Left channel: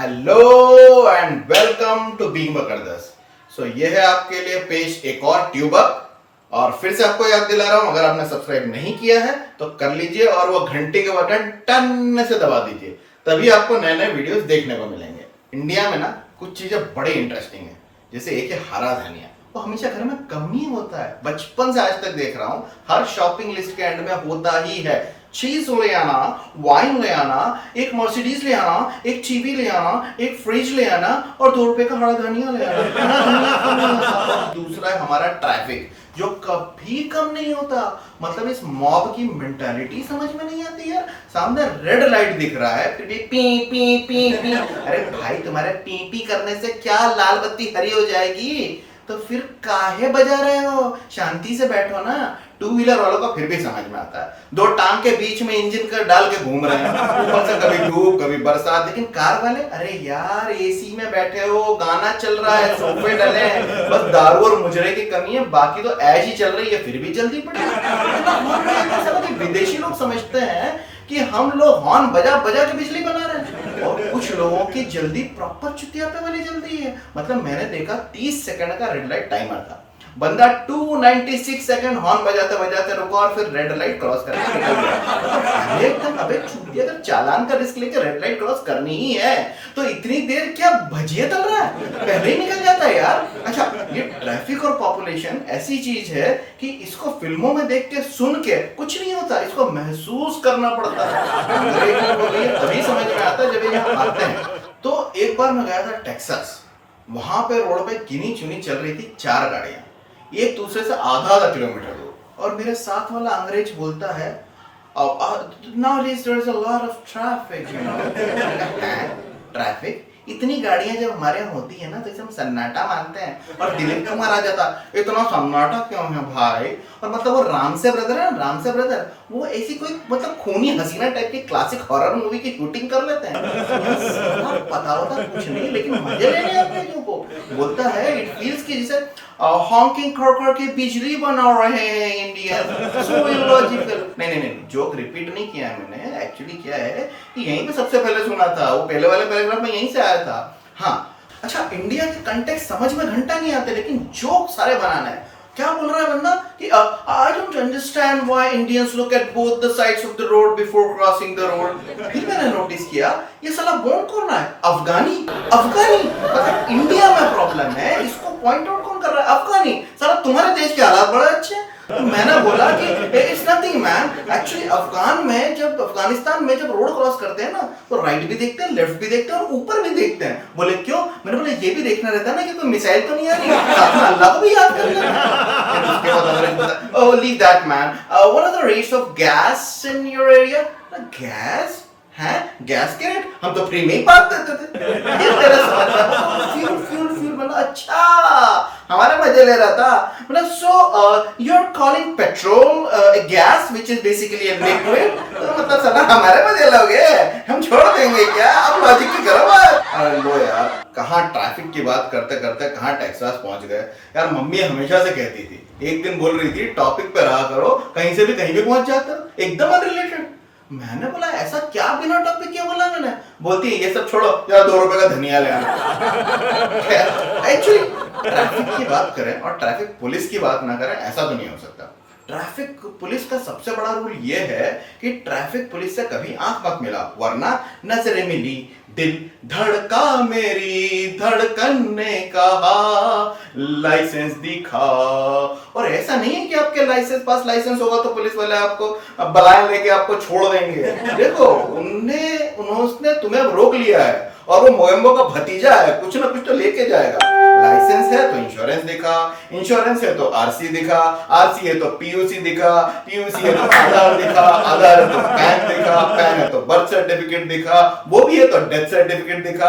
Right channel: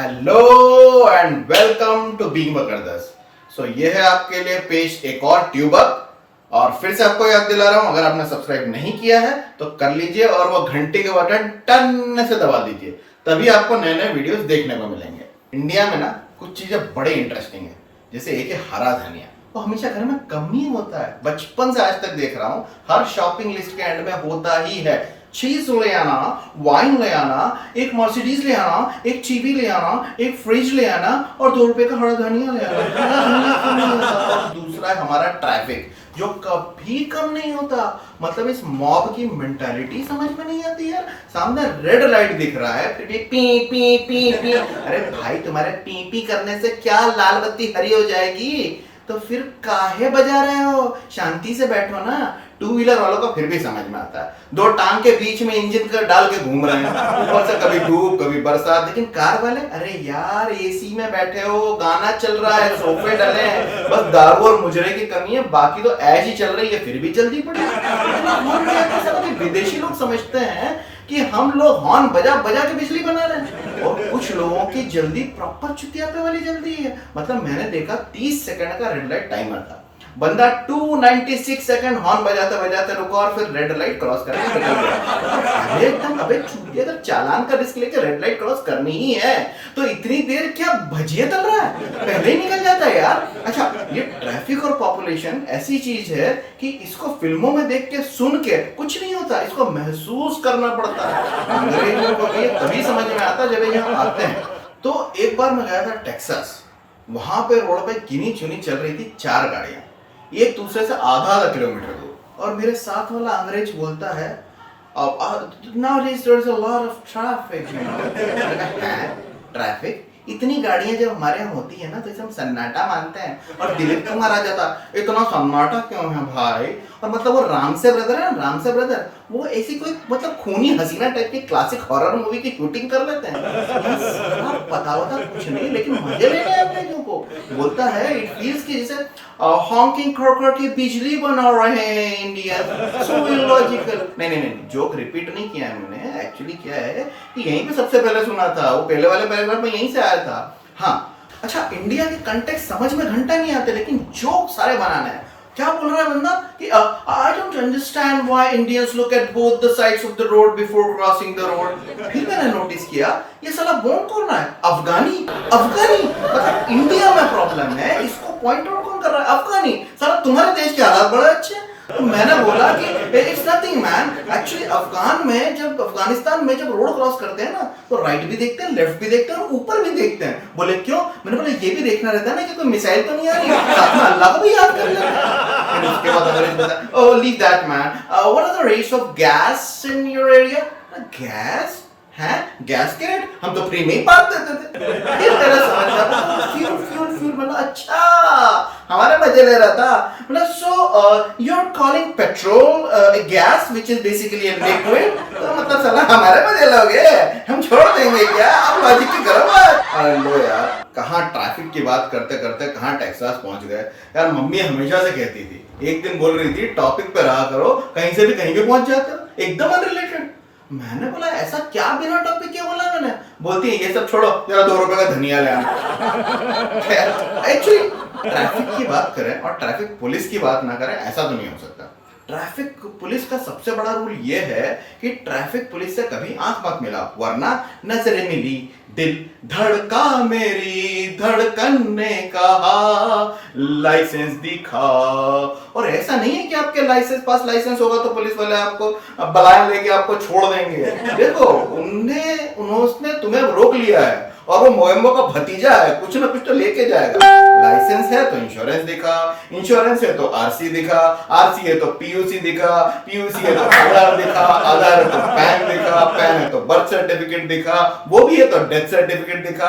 Hello and welcome to being बकरदस। ये है आपके लिए पेश एक और ट्यूब अप। और फिर से आपको याद दिला रहा हूं, अगर आपने सब्सक्राइब नहीं किया है तो कर लीजिए और वो घंटी के बटन टन से दबा दीजिए, तभी आपको नए नए वीडियोस देखने को मिलेंगे। इंडिया में ना कुछ चीजें बड़े इंटरेस्टिंग है, जैसे एक है हरा धनिया। वो हमेशा घर में कम ही होता है, बचपन से आज तक देख रहा हूं, हर शॉपिंग लिस्ट के एंड में होता ही है। चीज ले आना, वाइन ले आना, एक मर्सिडीज ले आना, एक टीवी ले आना, एक फ्रिज ले आना और 2 रुपए का हरा धनिया ले आना। और दूसरा है हमारा ट्रैफिक, जो कभी कम नहीं होता। मतलब इस मॉब की मेंटालिटी समझ में नहीं आती है। सामने रेड लाइट दिख रहा है फिर भी पी पी पी पी। अरे भाई, तुम्हारे पी पी करने से क्या लाल बत्ती हरी हो जाएगी? तो फिर काहे बजा रहे हो? शांति से बैठो ना। 2 व्हीलर वालों को फिर भी समझ में आता है, 2 टांग के बीच में इंजन कर डाल के घूम रहे हैं, ऊपर से कभी धूप कभी बरसात। लेकिन कार वाले, अरे यार एसी में बैठे हो, गाना चल रहा है, सोफे डले हैं, बस दारू और मुजरे की कमी है, बाकी तो ऐश ही चल रही है, फिर भी जल्दी पड़ी। विदेशी लोग समझते हैं कि हम लोग हॉर्न बजा बजा के बिजली बना रहे हैं, और कुछ लोगों की जल्दी प्रॉपर चुतियापे वाली जल्दी है। मतलब मैंने देखा 30 सेकंड का रेड लाइट टाइमर था, बंदा 296 सेकंड हॉर्न बजाते बजाते रुका और फिर रेड लाइट क्रॉस करके निकल गया। एकदम अबे चूतिया, अगर चालान का रिस्क लेके रेड लाइट क्रॉस करनी ही है तो इतनी देर क्या भजिए तल रहा है? पहले ही निकल जाता है यार। अच्छा, ये ट्रैफिक और पॉपुलेशन ऐसी चीज है कि इसको फिल्मों में देख के सुन के कुछ नहीं होता, इसको महसूस करना पड़ता है। अंग्रेजों को ये तभी समझ में आता जब ये यहाँ आते हैं। तो एक बार मैं गया था टेक्सास, वहां पे रोड पे गिनी चुनी चल रही थी 4 गाड़ियां, एक दूसरे से आधा किलोमीटर दूर, और मेरे साथ वाला अंग्रेज बोलता है, nowadays there is a lot of traffic. Traffic? इतनी गाड़ियां जब हमारे यहाँ होती है ना तो इसे हम सन्नाटा मानते हैं। और दिलीप कुमार आ जाता, इतना सन्नाटा क्यों है भाई? और मतलब वो राम से ब्रदर है, राम से ब्रदर, वो ऐसी कोई मतलब खूनी हसीना टाइप की क्लासिक हॉरर मूवी की शूटिंग कर लेते हैं। पता होता कुछ नहीं, लेकिन मजे लेने अंग्रेजों को। बोलता है इट फील्स की जैसे हॉकिंग कर के बिजली बना रहे हैं इंडिया, सो इलॉजिकल। नहीं, जोक रिपीट नहीं किया है मैंने, एक्चुअली क्या है कि यहीं पे सबसे पहले सुना था, वो पहले वाले पैराग्राफ में यहीं से आया था। हाँ, अच्छा, इंडिया के कंटेक्स्ट समझ में घंटा नहीं आते, लेकिन जोक सारे बनाना है। क्या बोल रहा है बंदा कि I don't understand why Indians look at both the sides of the road before crossing the road। फिर मैंने नोटिस किया, ये साला बोल कौन रहा है? अफगानी। मतलब इंडिया में प्रॉब्लम है, इसको पॉइंट आउट कौन कर रहा है? अफगानी। साला तुम्हारे देश के हालात बड़े अच्छे हैं। तो मैंने बोला कि it's nothing man, actually Afghanistan में जब रोड क्रॉस करते हैं ना तो राइट भी देखते हैं, लेफ्ट भी देखते हैं और ऊपर भी देखते हैं। बोले क्यों? मैंने बोला ये भी देखना रहता है ना कि कोई मिसाइल तो नहीं आ रही, अल्लाह को भी याद कर लेना। उसके बाद अंग्रेज बोलता, oh leave that man, what are the rates of gas in your area? Gas है, गैस के रेट हम तो फ्री में ही बात देते थे। तेरा समझ फ्यूल बोला, अच्छा हमारे मजे ले रहा था। मतलब so you are calling petrol gas which is basically a liquid, मतलब साला हमारे मजे लोगे, हम छोड़ देंगे क्या? अब लॉजिक की करो बात। अरे लो यार, कहाँ ट्रैफिक की बात करते करते कहाँ टेक्सास पहुंच गए यार। मम्मी हमेशा से कहती थी, एक दिन बोल रही थी टॉपिक पे रहा करो, कहीं से भी कहीं पे पहुंच जाते हो, एकदम अनरिलेटेड। मैंने बोला ऐसा क्या बिना टॉपिक के बोला मैंने? बोलती है ये सब छोड़ो, यार 2 रुपए का धनिया ले आना। एक्चुअली ट्रैफिक की बात करें और ट्रैफिक पुलिस की बात ना करें, ऐसा तो नहीं हो सकता। ट्रैफिक पुलिस का सबसे बड़ा रूल ये है कि ट्रैफिक पुलिस से कभी आंख मत मिला, वरना नजरें मिली, दिल धड़का, मेरी धड़कन ने कहा लाइसेंस दिखा। और ऐसा नहीं है कि आपके पास लाइसेंस होगा तो पुलिस वाले आपको बलाया लेके आपको छोड़ देंगे। देखो, उन्होंने तुम्हें रोक लिया है और वो मोएम्बो का भतीजा है, कुछ ना कुछ तो लेके जाएगा। लाइसेंस है तो इंश्योरेंस दिखा, इंश्योरेंस है तो आरसी दिखा, आरसी है तो पीयूसी दिखा, पीयूसी है तो आधार दिखा, आधार है तो पैन दिखा, पैन है तो बर्थ सर्टिफिकेट दिखा, वो भी है तो डेथ सर्टिफिकेट दिखा।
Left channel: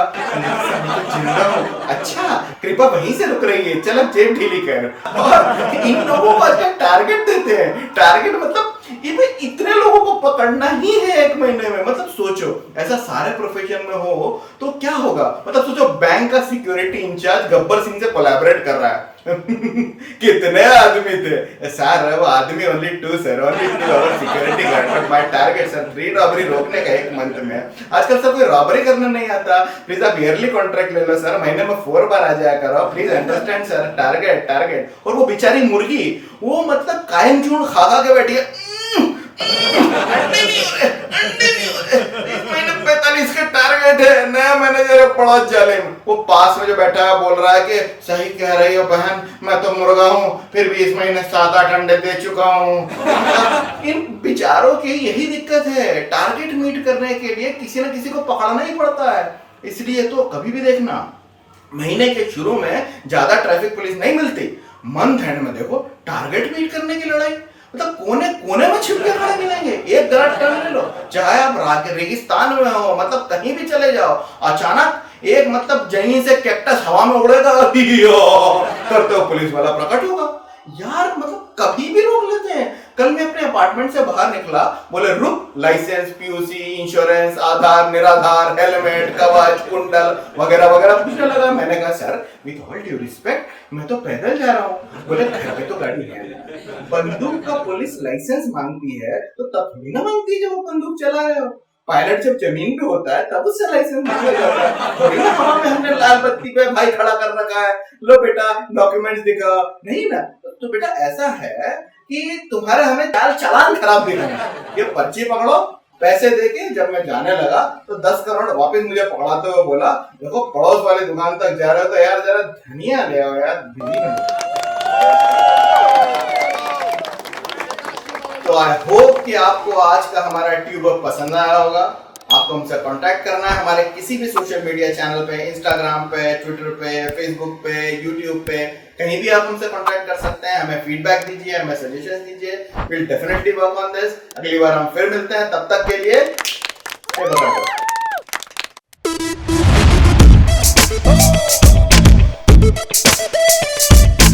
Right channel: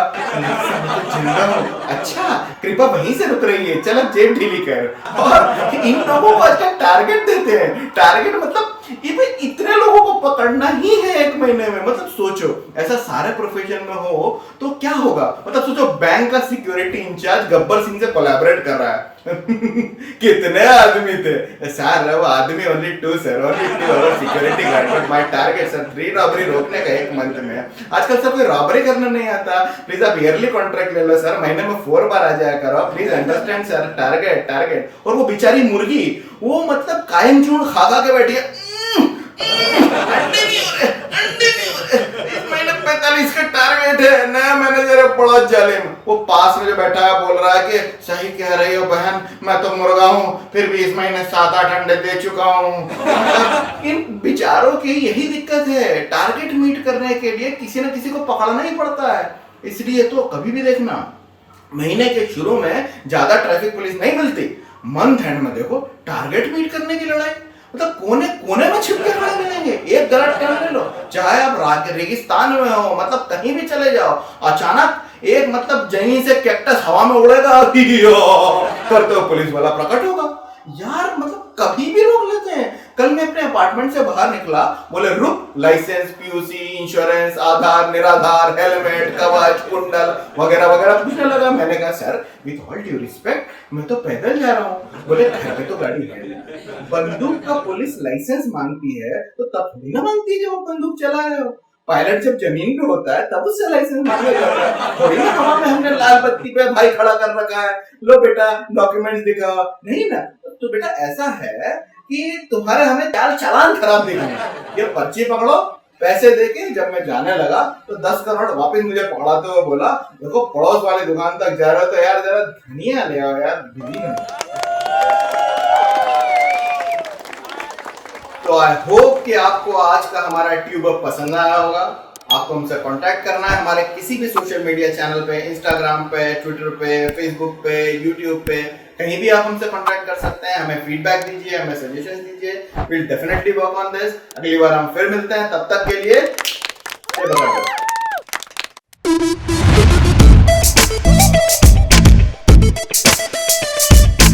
अच्छा, कृपा वहीं से रुक रही है, चल अब जेब ढीली कर। और इन लोगों को आजकल टारगेट देते हैं। टारगेट मतलब ये भाई इतने लोगों को पकड़ना ही है 1 महीने में। मतलब सोचो ऐसा सारे प्रोफेशन में हो तो क्या होगा। मतलब सोचो बैंक का सिक्योरिटी इंचार्ज गब्बर सिंह से कोलैबोरेट कर रहा है। कितने आदमी थे सर, वो आदमी only 2 sir, only 2 security guard, my target sir 3 robbery रोकने का 1 मंथ में। आजकल सब कोई रॉबरी करना नहीं आता, प्लीज आप ईयरली कॉन्ट्रैक्ट ले लो सर, महीने में 4 बार आ जाया करो, please understand sir, target target. और वो बेचारी मुर्गी वो मतलब कायम चूर्ण खा खा के बैठी है, अंडे नहीं हो रहे, अंडे नहीं हो रहे, इस महीने 45 का टारगेट है। नया मैनेजर है बड़ा जालिम, वो पास में जो बैठा है बोल रहा है कि सही कह रही हो बहन, मैं तो मुर्गा हूँ, फिर भी इस महीने 7-8 अंडे दे चुका हूँ। इन बेचारों की यही दिक्कत है, टारगेट मीट करने के लिए किसी न किसी को पकड़ना ही पड़ता है। इसलिए तो कभी भी देखना महीने के शुरू में ज्यादा ट्रैफिक पुलिस नहीं मिलती, मंथ एंड में देखो टारगेट मीट करने की लड़ाई। मतलब कोने कोने में छिपके खड़े मिलेंगे। एक गलत टर्न ले लो, चाहे आप रेगिस्तान में हो, मतलब कहीं भी चले जाओ, अचानक एक मतलब जमीन से कैक्टस हवा में उड़ेगा, करते हो पुलिस वाला प्रकट होगा। यार मतलब कभी भी रोक लेते हैं। कल मैं अपने अपार्टमेंट से बाहर निकला, बोले रुक, लाइसेंस, पीयूसी, इंश्योरेंस, आधार, निराधार, हेलमेट, कवच, कुंडल वगैरह वगैरह पूछने लगा। मैंने कहा sir with all due respect मैं तो पैदल जा रहा हूँ। बोले घर पे तो गाड़ी है। बंदूक का पुलिस लाइसेंस मांगती है तो तब थोड़ी ना मांगती है जब वो बंदूक चला रहे हो। पायलट जब जमीन पे होता है तब उससे लाइसेंस मांगा जाता है। थोड़ी ना हमने लाल बत्ती पे भाई खड़ा कर रखा है, लो बेटा डॉक्यूमेंट्स दिखा, नहीं ना। तो बेटा ऐसा है कि तुम्हारे हमें चालान खराब दिखा है, ये पर्ची पकड़ो, पैसे देके। जब मैं जाने लगा तो 10 करोड़ वापस मुझे पकड़ाते हुए बोला देखो पड़ोस वाली दुकान तक जा रहे हो तो यार जरा धनिया ले आओ यार, बिजली में। तो आई होप कि आपको आज का हमारा ट्यूब अप पसंद आया होगा। आपको हमसे कांटेक्ट करना है हमारे किसी भी सोशल मीडिया चैनल पे, इंस्टाग्राम पे, ट्विटर पे, फेसबुक पे, यूट्यूब पे, कहीं भी आप हमसे कांटेक्ट कर सकते हैं। हमें फीडबैक दीजिए, हमें सजेशंस दीजिए, will definitely work on this. अगली बार हम फिर मिलते हैं, तब तक के लिए